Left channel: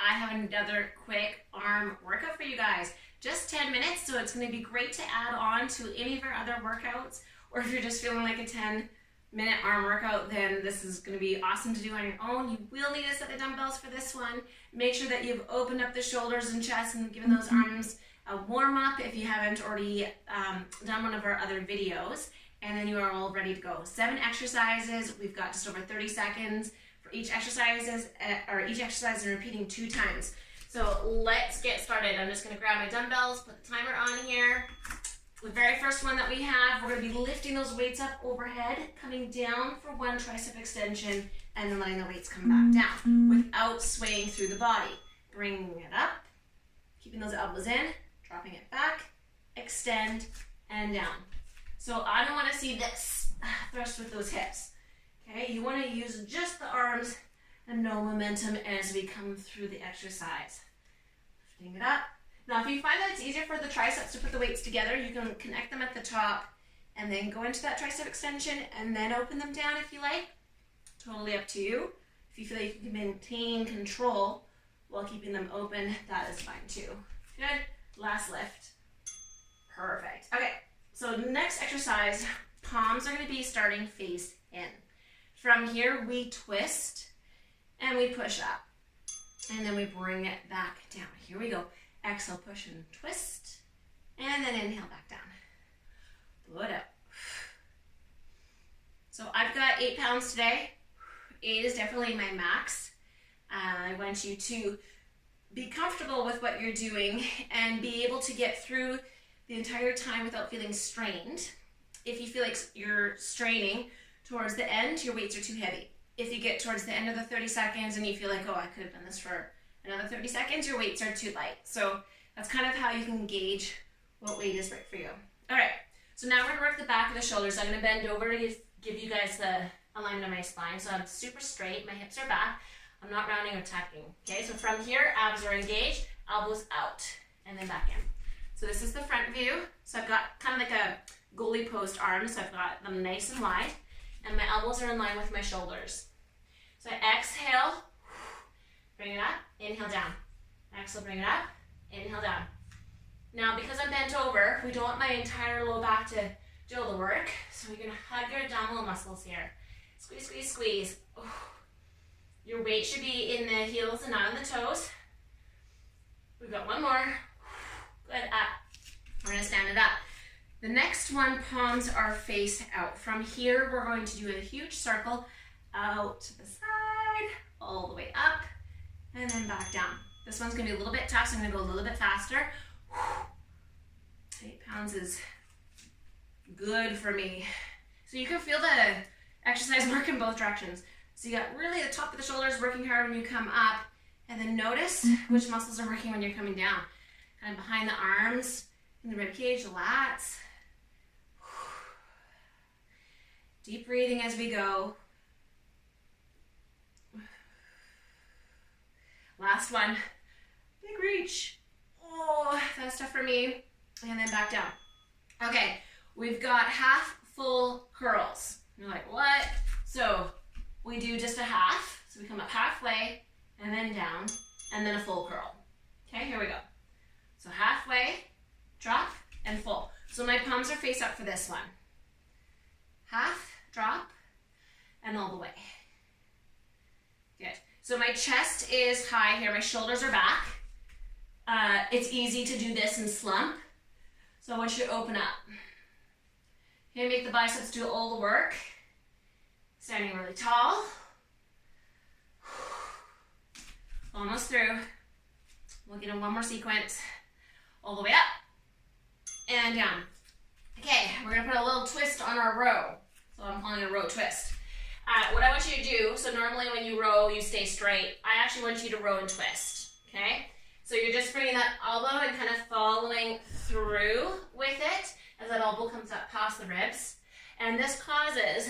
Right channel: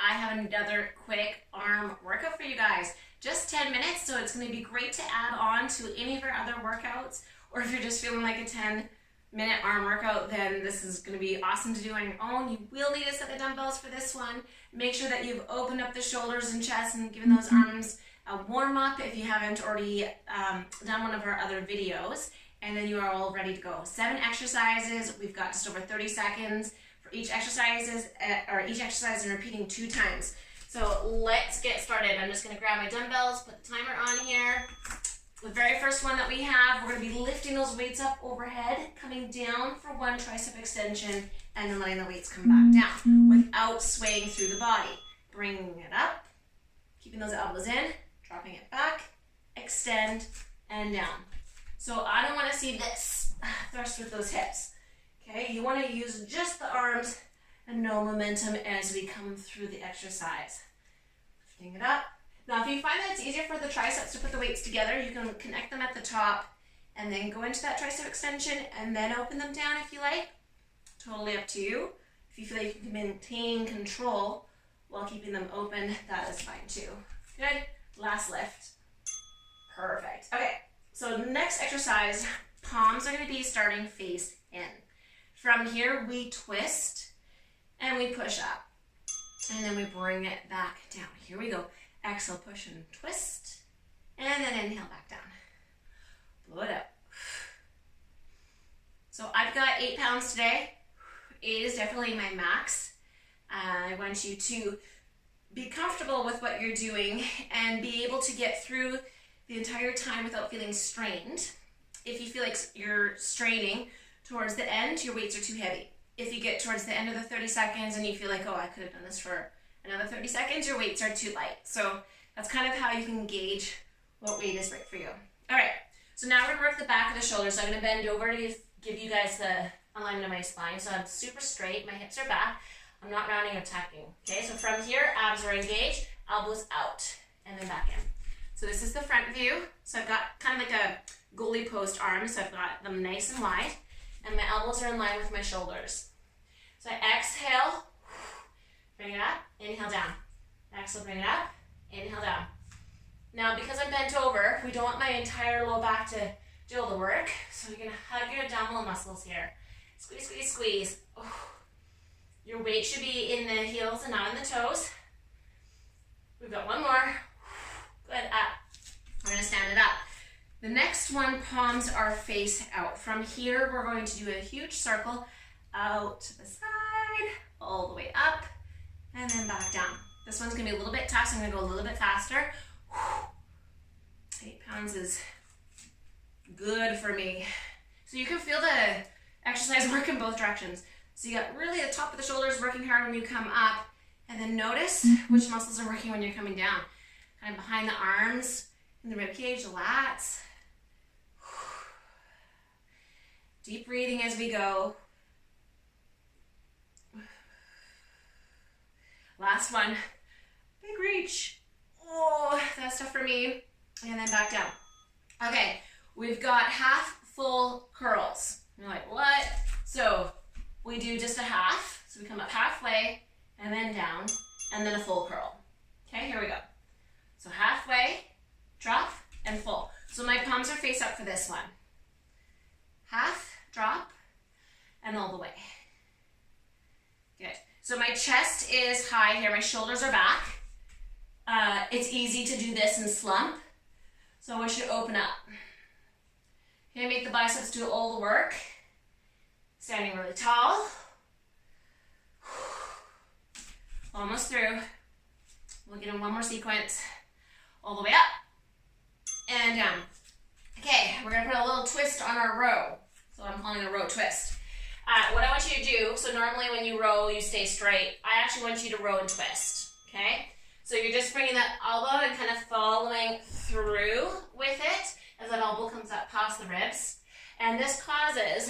I have another quick arm workout for you guys. Just 10 minutes, so it's going to be great to add on to any of our other workouts, or if you're just feeling like a 10-minute arm workout, then this is going to be awesome to do on your own. You will need a set of dumbbells for this one. Make sure that you've opened up the shoulders and chest and given those arms a warm-up if you haven't already done one of our other videos, and then you are all ready to go. 7 exercises. We've got just over 30 seconds for each exercise and repeating 2 times. So let's get started. I'm just going to grab my dumbbells, put the timer on here. The very first one that we have, we're going to be lifting those weights up overhead, coming down for 1 tricep extension, and then letting the weights come back down without swaying through the body. Bringing it up, keeping those elbows in, dropping it back, extend, and down. So I don't want to see this thrust with those hips. Okay, you want to use just the arms and no momentum as we come through the exercise. Lifting it up. Now, if you find that it's easier for the triceps to put the weights together, you can connect them at the top and then go into that tricep extension and then open them down if you like. Totally up to you. If you feel like you can maintain control while keeping them open, that is fine too. Good. Last lift. Perfect. Okay, so next exercise, palms are going to be starting face in. From here, we twist and we push up. And then we bring it back down. Here we go. Exhale, push and twist. And then inhale back down. Blow it out. So I've got 8 pounds today. 8 is definitely my max. I want you to be comfortable with what you're doing and be able to get through the entire time without feeling strained. If you feel like you're straining towards the end, your weights are too heavy. If you get towards the end of the 30 seconds and you feel like, oh, I could have done this for another 30 seconds, your weights are too light. So that's kind of how you can gauge what weight is right for you. All right, so now we're gonna work the back of the shoulders. So I'm gonna bend over to give you guys the alignment of my spine. So I'm super straight, my hips are back. I'm not rounding or tucking. Okay, so from here, abs are engaged, elbows out, and then back in. So this is the front view. So I've got kind of like a goalie post arms. So I've got them nice and wide, and my elbows are in line with my shoulders. So I exhale, bring it up, inhale down. Exhale, bring it up, inhale down. Now, because I'm bent over, we don't want my entire low back to do all the work. So you're gonna hug your abdominal muscles here. Squeeze, squeeze, squeeze. Oh. Your weight should be in the heels and not in the toes. We've got one more. Good, up. We're gonna stand it up. The next one, palms are face out. From here, we're going to do a huge circle out to the side, all the way up, and then back down. This one's gonna be a little bit tough, so I'm gonna go a little bit faster. 8 pounds is good for me. So you can feel the exercise work in both directions. So you got really the top of the shoulders working hard when you come up, and then notice which muscles are working when you're coming down. Kind of behind the arms, in the rib cage, the lats. Deep breathing as we go. Last one. Big reach. Oh, that's tough for me. And then back down. Okay, we've got half full curls. You're like, what? So we do just a half. So we come up halfway and then down and then a full curl. Okay, here we go. So halfway, drop, and full. So my palms are face up for this one. Half, drop, and all the way. Good. So my chest is high here. My shoulders are back. It's easy to do this and slump. So I want you to open up. Okay, make the biceps do all the work. Standing really tall. Almost through. We'll get in one more sequence. All the way up and down. Okay, we're gonna put a little twist on our row. So I'm calling it a row twist. What I want you to do, so normally when you row, you stay straight. I actually want you to row and twist, okay? So you're just bringing that elbow and kind of following through with it as that elbow comes up past the ribs. And this causes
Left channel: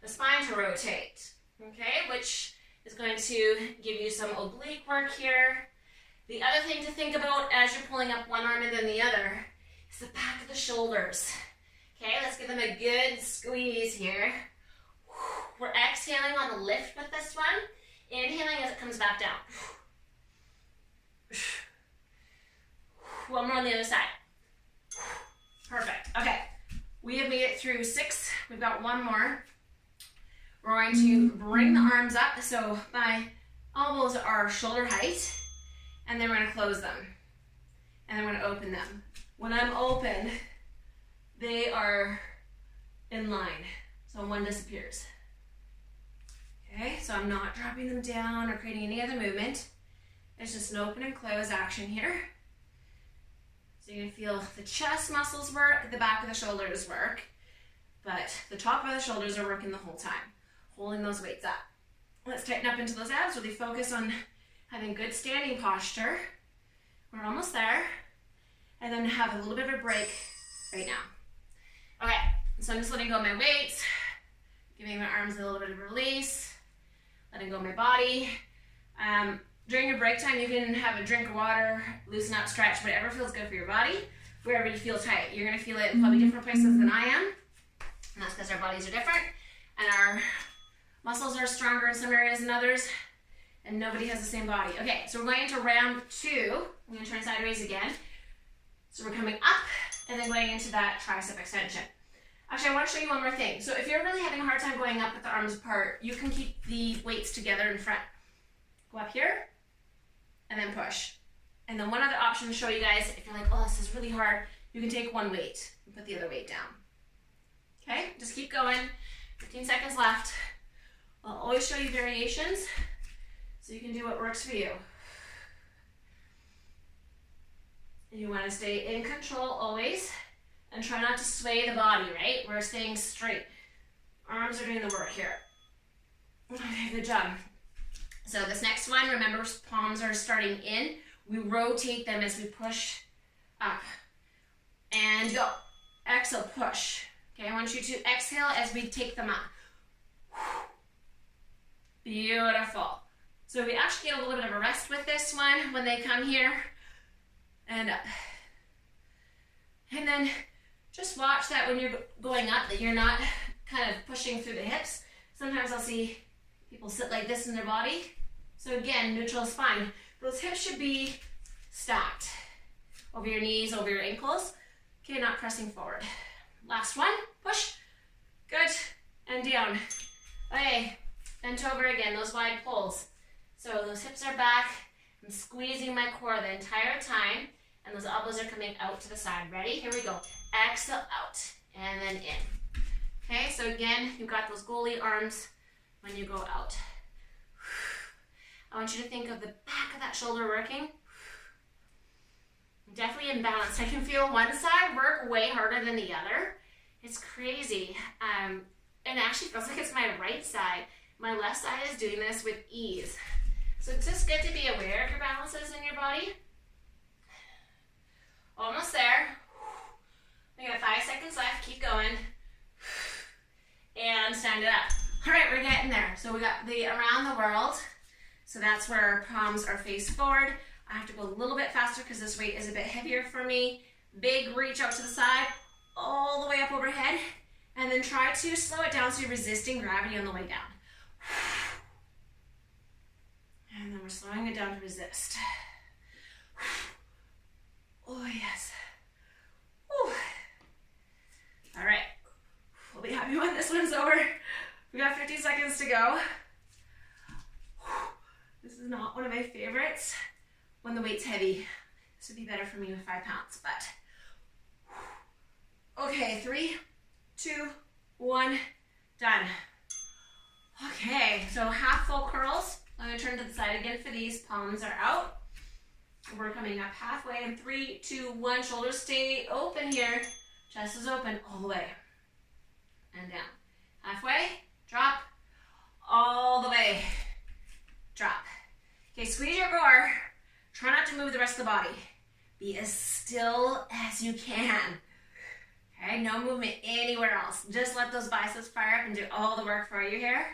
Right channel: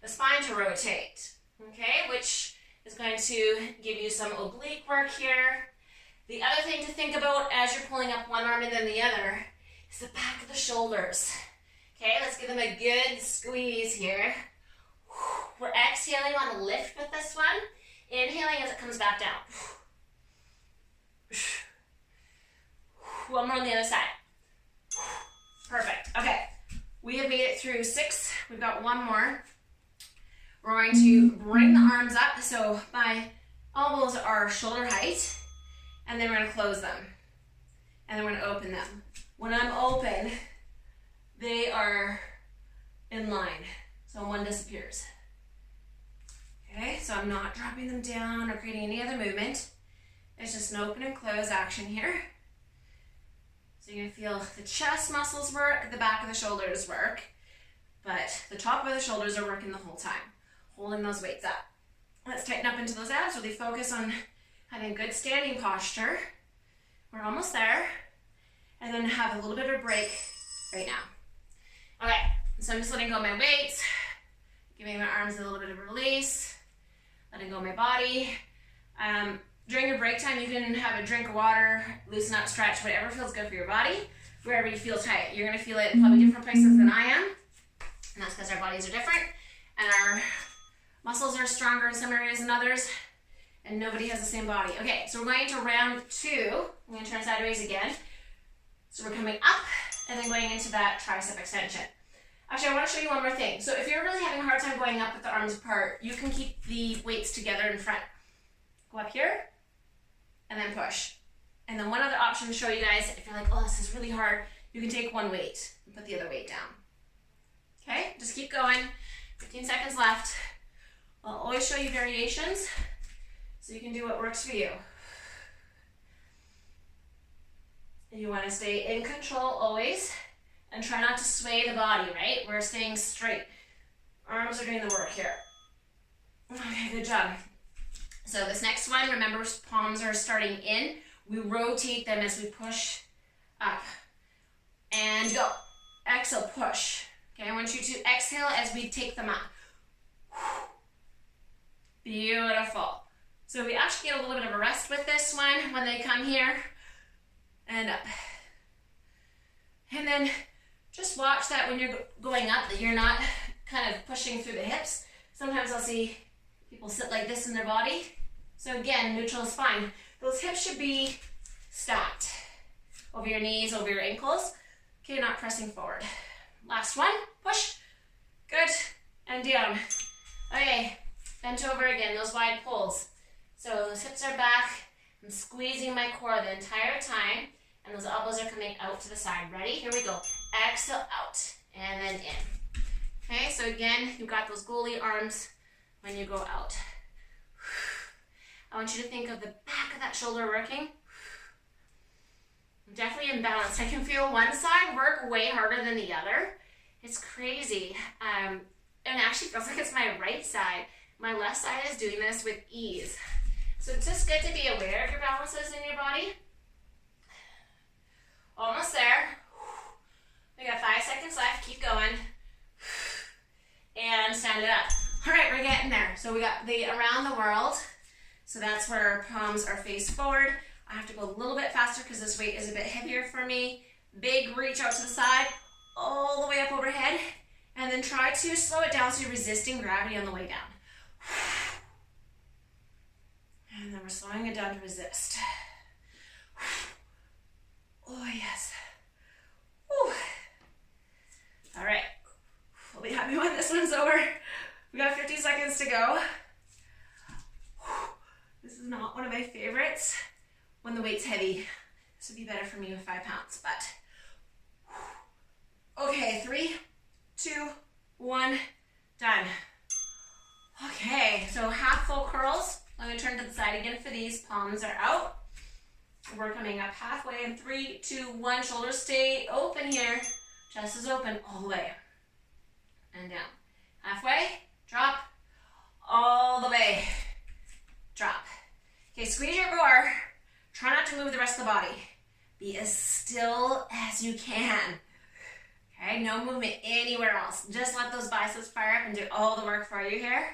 the spine to rotate, okay? Which is going to give you some oblique work here. The other thing to think about as you're pulling up one arm and then the other is the back of the shoulders. Okay, let's give them a good squeeze here. We're exhaling on a lift with this one. Inhaling as it comes back down. One more on the other side. Perfect. Okay, we have made it through 6. We've got one more. We're going to bring the arms up, so my elbows are shoulder height, and then we're going to close them, and then we're going to open them. When I'm open, they are in line, so one disappears. Okay, so I'm not dropping them down or creating any other movement. It's just an open and close action here. So you're gonna feel the chest muscles work, the back of the shoulders work, but the top of the shoulders are working the whole time, holding those weights up. Let's tighten up into those abs, really focus on having good standing posture. We're almost there. And then have a little bit of a break right now. Okay, so I'm just letting go of my weights, giving my arms a little bit of a release, letting go of my body. During your break time, you can have a drink of water, loosen up, stretch, whatever feels good for your body, wherever you feel tight. You're gonna feel it in probably different places than I am, and that's because our bodies are different, and our muscles are stronger in some areas than others, and nobody has the same body. Okay, so we're going into round 2. I'm gonna turn sideways again. So we're coming up, and then going into that tricep extension. Actually, I wanna show you one more thing. So if you're really having a hard time going up with the arms apart, you can keep the weights together in front. Go up here, and then push. And then one other option to show you guys, if you're like, oh, this is really hard, you can take one weight and put the other weight down. Okay, just keep going. 15 seconds left. I'll always show you variations so you can do what works for you. And you want to stay in control always and try not to sway the body, right? We're staying straight. Arms are doing the work here. Okay, good job. So this next one, remember, palms are starting in. We rotate them as we push up. And go. Exhale, push. Okay, I want you to exhale as we take them up. Beautiful. So we actually get a little bit of a rest with this one when they come here and up. And then just watch that when you're going up, that you're not kind of pushing through the hips. Sometimes I'll see people sit like this in their body. So again, neutral is fine. Those hips should be stacked over your knees, over your ankles. Okay, not pressing forward. Last one, push. Good, and down. Okay, bent over again, those wide pulls. So those hips are back. I'm squeezing my core the entire time, and those elbows are coming out to the side. Ready? Here we go. Exhale out, and then in. Okay, so again, you've got those goalie arms when you go out. I want you to think of the back of that shoulder working. I'm definitely imbalanced. I can feel one side work way harder than the other. It's crazy. And actually feels like it's my right side. My left side is doing this with ease. So it's just good to be aware of your balances in your body. Almost there. We got 5 seconds left. Keep going. And stand it up. All right, we're getting there. So we got the around the world. So that's where palms are face forward. I have to go a little bit faster because this weight is a bit heavier for me. Big reach out to the side, all the way up overhead. And then try to slow it down so you're resisting gravity on the way down. And then we're slowing it down to resist. Oh, yes. Whew. All right. We'll be happy when this one's over. We got 50 seconds to go. This is not one of my favorites when the weight's heavy. This would be better for me with 5 pounds, but. Okay, 3, 2, 1, done. Okay, so half full curls. I'm gonna turn to the side again for these. Palms are out. We're coming up halfway in 3, 2, 1. Shoulders stay open here. Chest is open all the way. And down. Halfway, drop, all the way, drop. Okay, squeeze your core. Try not to move the rest of the body. Be as still as you can. Okay, no movement anywhere else. Just let those biceps fire up and do all the work for you here.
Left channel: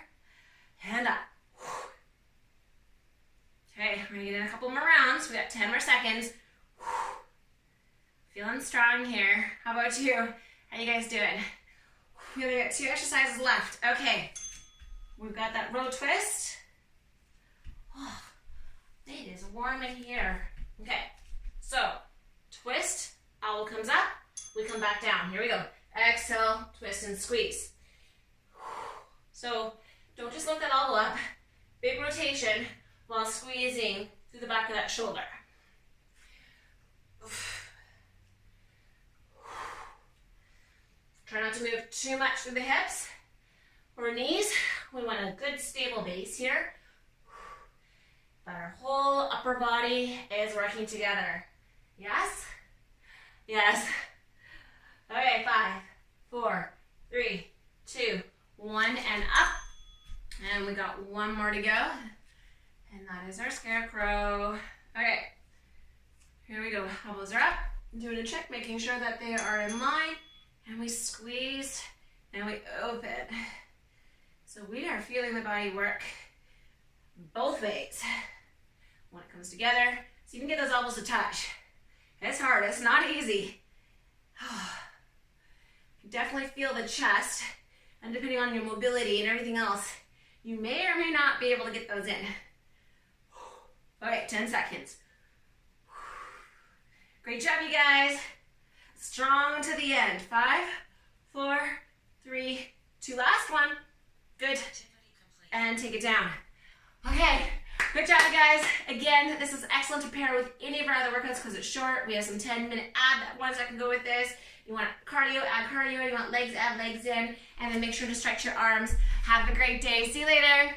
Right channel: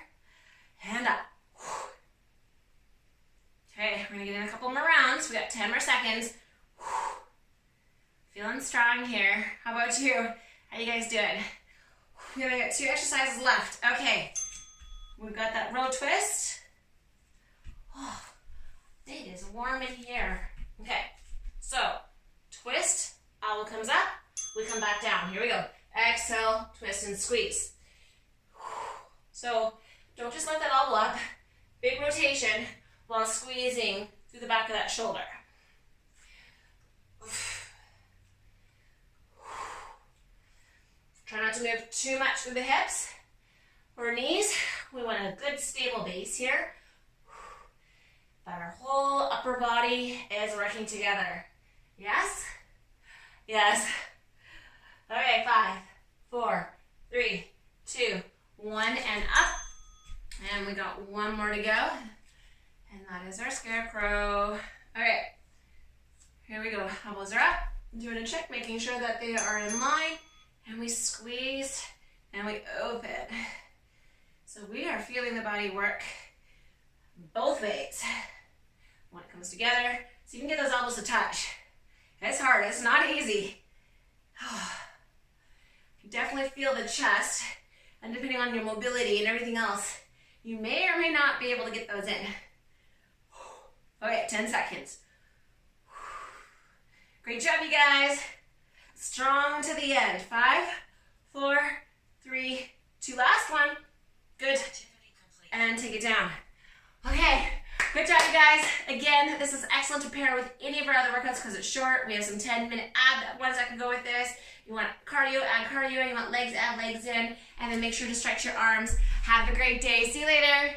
And up. Okay, we're gonna get in a couple more rounds. We got 10 more seconds. Feeling strong here. How about you? How you guys doing? We only got 2 exercises left. Okay, we've got that row twist. Oh, it is warm in here. Okay, so twist, owl comes up, we come back down. Here we go. Exhale, twist and squeeze. So don't just let that owl up. Big rotation while squeezing through the back of that shoulder. Try not to move too much through the hips or knees. We want a good stable base here. But our whole upper body is working together. Yes? Yes. Okay, 5, 4, 3, 2, 1, and up. And we got one more to go. And that is our Scarecrow. Okay, here we go. Elbows are up. Doing a check, making sure that they are in line. And we squeeze and we open. So we are feeling the body work both ways when it comes together. So you can get those elbows to touch. It's hard, it's not easy. You can definitely feel the chest, and depending on your mobility and everything else, you may or may not be able to get those in. Okay, 10 seconds. Great job, you guys. Strong to the end. 5, 4, 3, 2, last one. Good. And take it down. Okay, good job, you guys. Again, this is excellent to pair with any of our other workouts because it's short. We have some 10-minute ab ones that can go with this. You want cardio, add cardio. You want legs, add legs in. And then make sure to stretch your arms. Have a great day. See you later.